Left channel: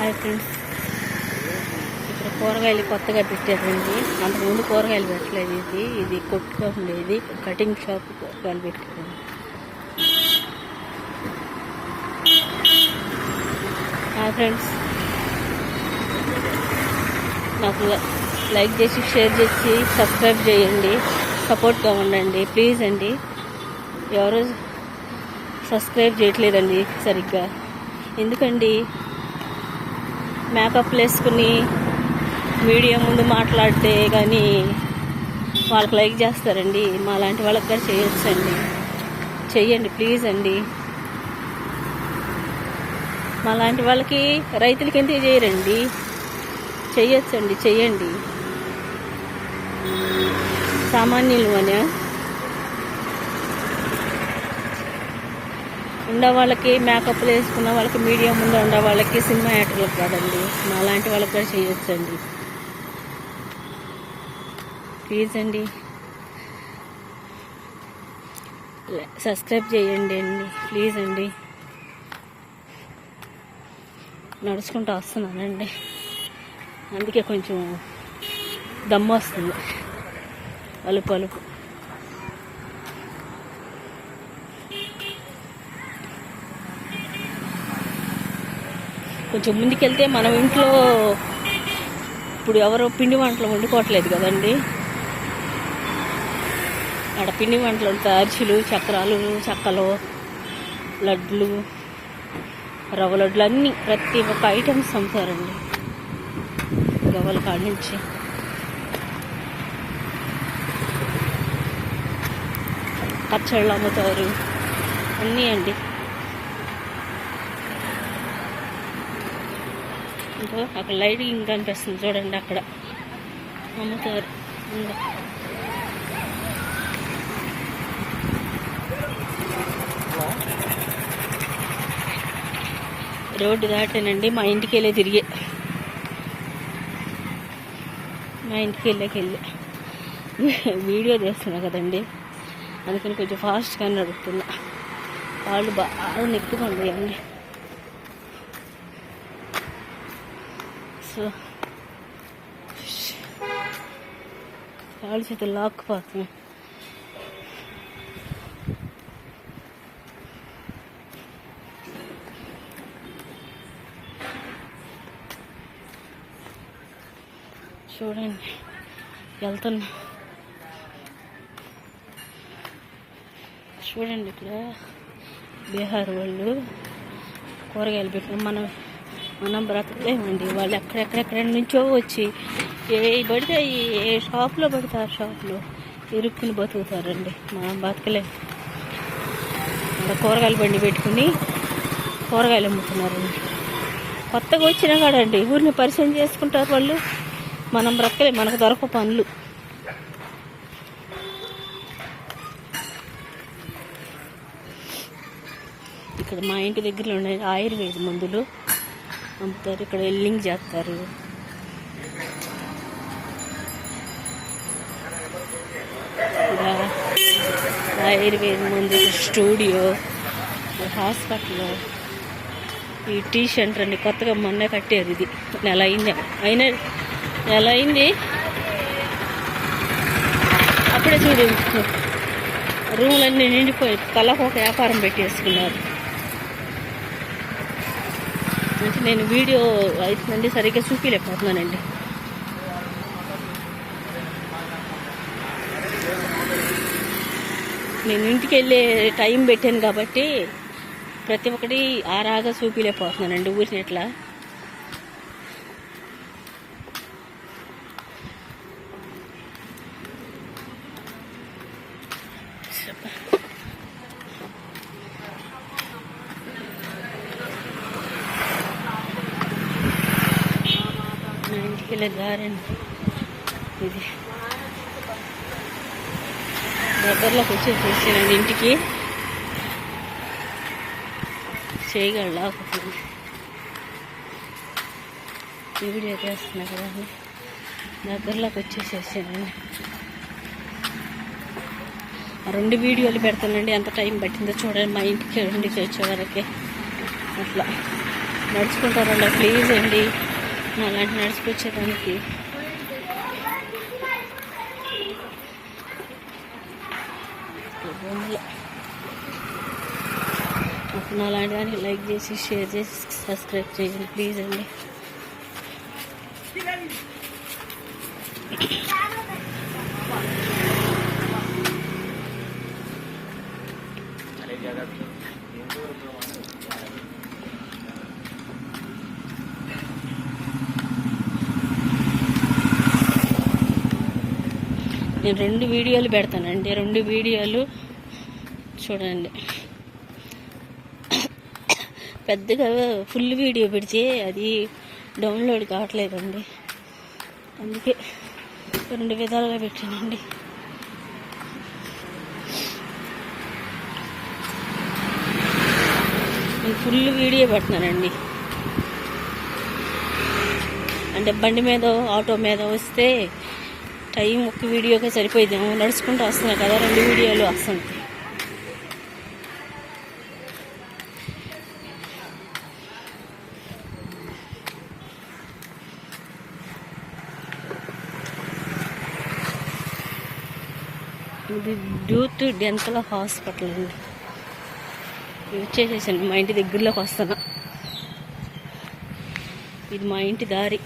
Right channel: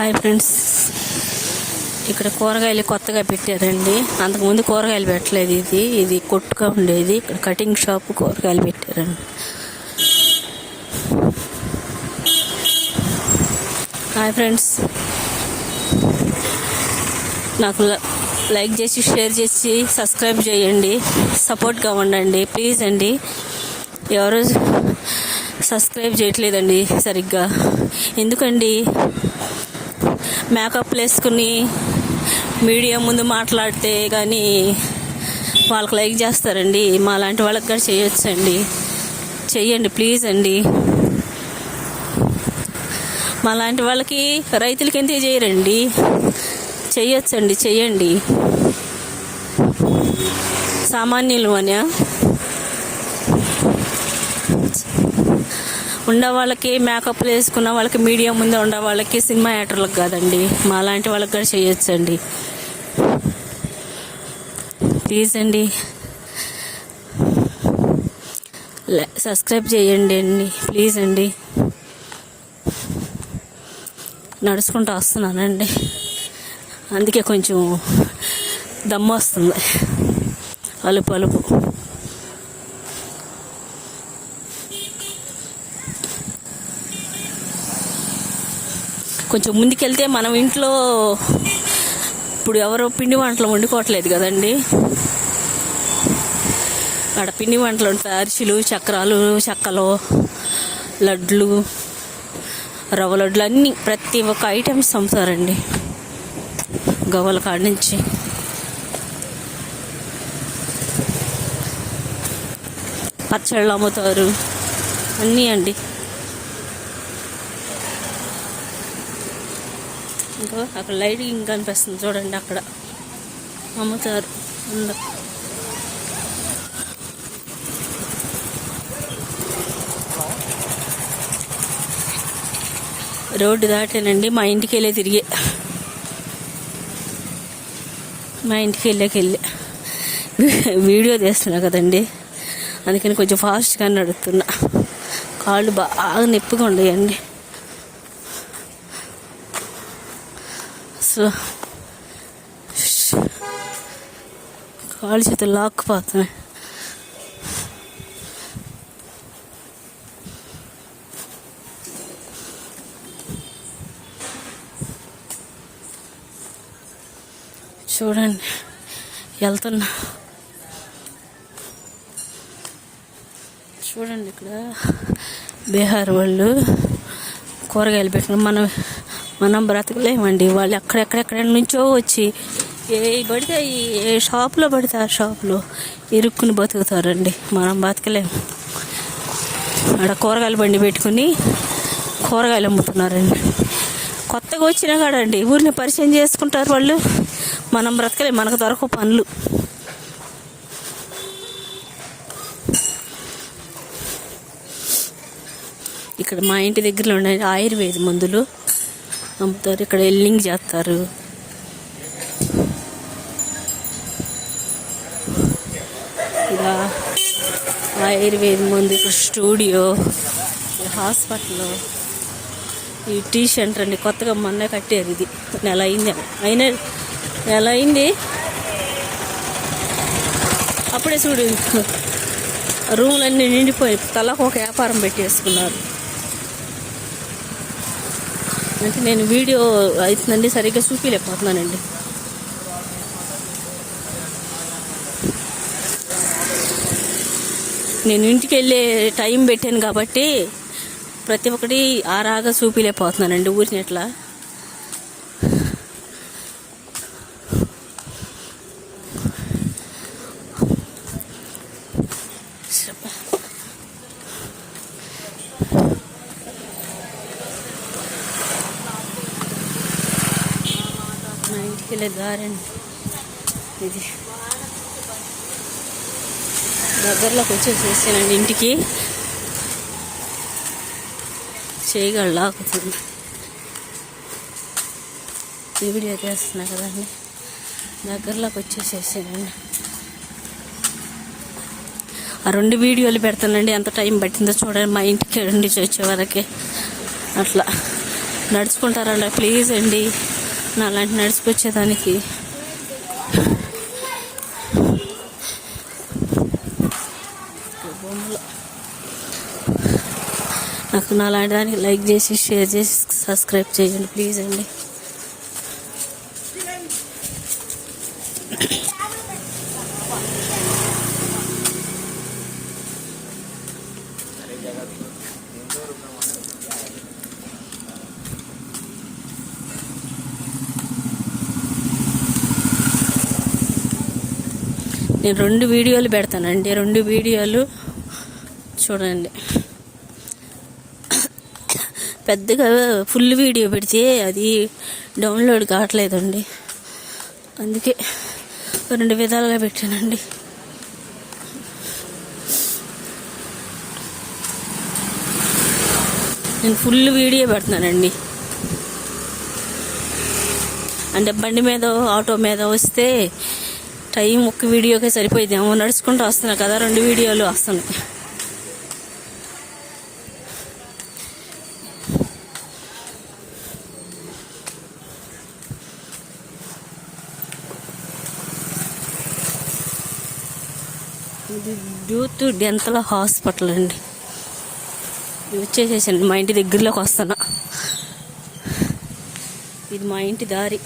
Hi friends, ఇక్కడ కూరగాయలు కొత్తగా పెట్టారండి. అంతకుముందు కూరగాయలు పెట్టలేదు. ఇది కొట్టుగా ఉండేది. ఇక్కడ కటింగ్ షాప్ కూరగాయలు పెట్టారండి. హాయ్ ఫ్రెండ్స్, నాకు లైక్ చేసి షేర్ చేసి సబ్స్క్రైబ్ చేయండి, సపోర్ట్గా ఉండండి ప్లీజ్ అండి. ఎవరు సబ్స్క్రైబ్ చేయట్లేదండి సరిగ్గా, ఎందుకండి? మేకప్లు వేసుకుని మీడియా ముందు మాట్లాడితే కానీ వాళ్ళకి లైక్ చేస్తారండి. మా లాంటి వాళ్ళకి కూడా చేయొచ్చండి, చెయ్యండి ప్లీజ్ అండి. మా లాంటి వాళ్ళకి రైతులకి ఎందుకు చేయరండి? చెయ్యొచ్చండి, చెయ్యండి. సామాన్యులు అని ఉండే వాళ్ళకి, మేకప్లు వేసుకున్న వాళ్ళకి, మీడియా ముందు ఉండే వాళ్ళకి, సినిమా యాక్టర్లకు కాదండి, మా లాంటి వాళ్ళకి కూడా చేయొచ్చండి. ప్లీజ్ అండి, సబ్స్క్రైబ్ చేయండి అండి ప్లీజ్ అండి. నడుచుకుంటూ వస్తున్నానండి, అందుకే కొంచెం దమ్ము వస్తుంది, అలుపు అలుపు. కొంచెం ముందుకెళ్తే మనం ఇంట్లో ఇప్పుడు ఎవరో పిండి వంటలు వండుకోవట్లేదు కదండి. ఆడ పిండి వంటలు ఉంటాయి, అరిసెలు, చక్రాలు, చెక్కలు, లడ్లు, రవ్వ లడ్లు అన్నీ ప్రతి ఒక్క ఐటమ్స్ అమ్ముతారండి. గవ్వల కాడ నుంచి పచ్చళ్ళు అమ్ముతారు, అన్నీ అండి. ఇంకా అక్కడ లైట్ ఇంకా కనిపిస్తుంది చూడండి, అక్కడ అమ్ముతారు. రోడ్డు దాటేనండి, మా ఇంటికి వెళ్ళే తిరిగి, మా ఇంటికి వెళ్ళి వీడియో తీస్తున్నా కదండి, అందుకని కొంచెం ఫాస్ట్గా నడుపుతున్నా. కాళ్ళు బాగా నొప్పిగా ఉండేయండి. సో కాళ్ళు చేతులు లాక్కుపోతున్నాయి. చూడండి వెళ్తున్నా, చూడండి ఇక్కడ బీహార్ వాళ్ళు కూరగాయలు పెట్టిన మనం బ్రతకలేమండి. వాళ్ళు ఎక్కడెక్కడెక్కడ నుంచో వచ్చి పడితే ఏ షాప్లో పడితే ఆ షాప్లో ఇరుక్కుని బతుకుతారండి. మనం బతకలేము. ఆడ కూరగాయల బండి పెట్టుకుని కూరగాయలు అమ్ముతున్నారండి. కొత్తగా వచ్చినా కాడండి ఊరిని పరిచయం చేసుకుంటారు వాళ్ళు. మనం బ్రతకలేము, మనకు దొరకవు పనులు. ఇక్కడ మా ఇంటి దగ్గరలో ఉండే ఆయుర్వేద మందులు అమ్ముతారు. ఇక్కడ ఎల్లింగ్ చేస్తారు. ఇక్కడ ఆయుర్వేద మందు స్టూడియో, హాస్పిటల్, ఈ టీ సెంటర్ అండి. కొత్తగా మొన్న కట్టారు. ఇది నెల అయింది. అప్పుడే చూడు రూమ్లన్నీ నిండిపోయి తలకు ఒక వ్యాపారం పెట్టేసుకున్నారు. అంటే నేను వీడియో అవుతుందండి సరిగ్గా చూపించలేకపోతున్నానండి. నేను ఇంటికి వెళ్ళే టైం పెట్టాను కాబట్టి ప్రతి ఒక్కటి ఆరాగా చూపించలేకపోతున్నానండి ఊరిని ఎట్లా. మా ఇంటికి వెళ్ళే దారండి ఇది. దగ్గరలోకి వచ్చేసేసానండి ఇంటికి. చేయగలలాకుతుంది టీవీలో వేస్తున్నా కదండి. దగ్గరలోకి వచ్చేసేసానండి. ఆ 2 వీడియోలు పెడతానండి. ఎంత టైం పట్టిందో చూడండి. మా ఇంటికి 2 వచ్చే వరకే అట్లా నడుచుకుంటారండి ప్లీజ్ అండి, నాలాంటి నడుచుకొచ్చేదానికి. నాకు నాలాంటి దానికి లైక్ చేసి షేర్ చేసి సబ్స్క్రైబ్ చేయండి ప్లీజ్ అండి. నేను 2 వీడియోలు పెడతానండి, 2 వీడియోలు చూడండి. పెద్దగా ఫుల్ వీడియో పెడితే అది డౌన్లోడ్ కావట్లేదండి, అందుకే 2 విధాలుగా పెట్టానండి. నేను ఫుల్ వీడియో పెడుతున్నానండి, అంటే బండి మీద ఆటో మీద వస్తే టైం ఒక్క వీడియోకే సరిపోయిద్దేమో, నడుచుకుంటూ వస్తున్నా కదా 2 వీడియోలు వస్తున్నాయి. ఇది యూత్ డెంటల్ హాస్పిటల్ అండి. వచ్చేసేసండి, మా ఇంటి దగ్గరలోకి వస్తున్నా. ఇది మా ఇంటి దారి.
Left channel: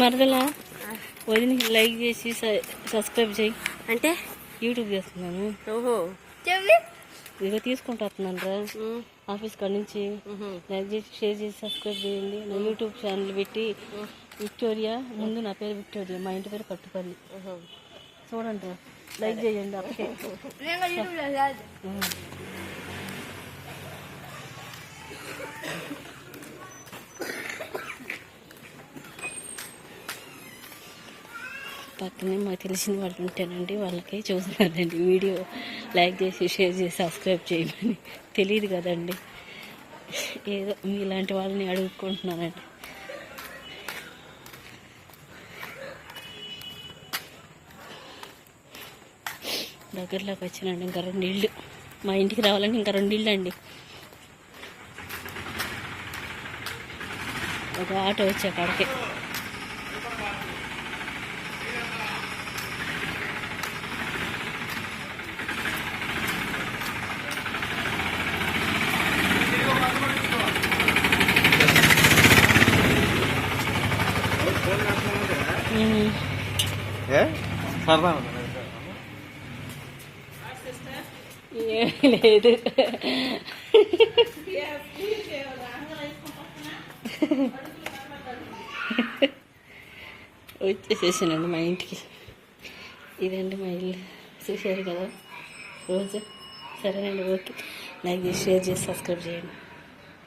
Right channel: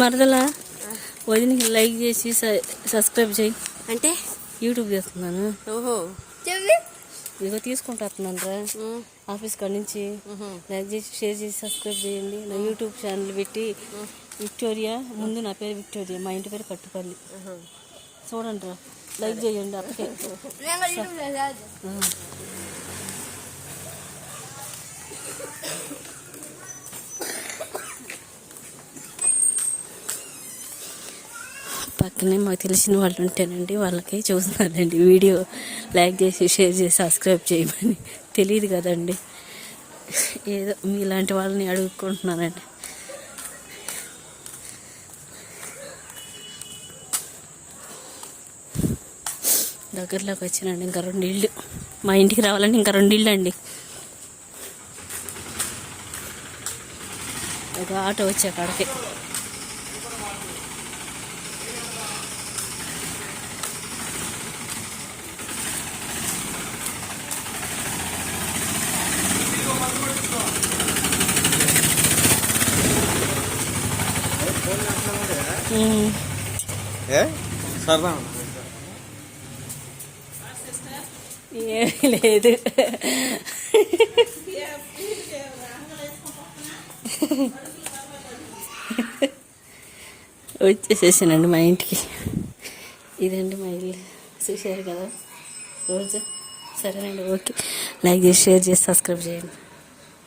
మరదలా వదిన లైక్ చేసి సబ్స్క్రైబ్ చేయి అంటే యూట్యూబ్ చేస్తున్నాను. ఇదిగో తీసుకుంటా వస్తున్నాను రా ఆఫీస్ కాడ నుంచి. లైక్ చేసి షేర్ చేసి సబ్స్క్రైబ్ చేయండి. నా యూట్యూబ్ ఛానల్ పెట్టి విక్టోరియా, ముందు నా పేరు విక్టోరియా, మా ఇంటి పేరు కట్టుపల్లి. చూడండి రా, లైక్ చేయండి అప్పకే. పక్కనే మాకు తెలిసిన వాళ్ళు ఉంటేనండి, వాళ్ళకి చూస్తున్నానండి వీడియో లైక్ చేసి షేర్ చేసి సబ్స్క్రైబ్ చేయమని. తెలియదు కదండి, ఏదో మీలాంటి వాళ్ళని అడుగుకుంటున్నానండి. దగ్గరలోకి వచ్చినండి, ఇంకా 2 ఇళ్ళు. మా ఇంటికి రావాలంటే ఇంకా 2 ఇళ్ళు అండి. ఒక ఆటో వచ్చే కాడికి. లేదు వచ్చేసేసానండి మా ఇంటికి. ఇదండి మా ఇల్లు, చూశారు కదా రోజు. సరేనండి, ఓకే. లైక్ చేసి షేర్ చేసి సబ్స్క్రైబ్ చేయండి.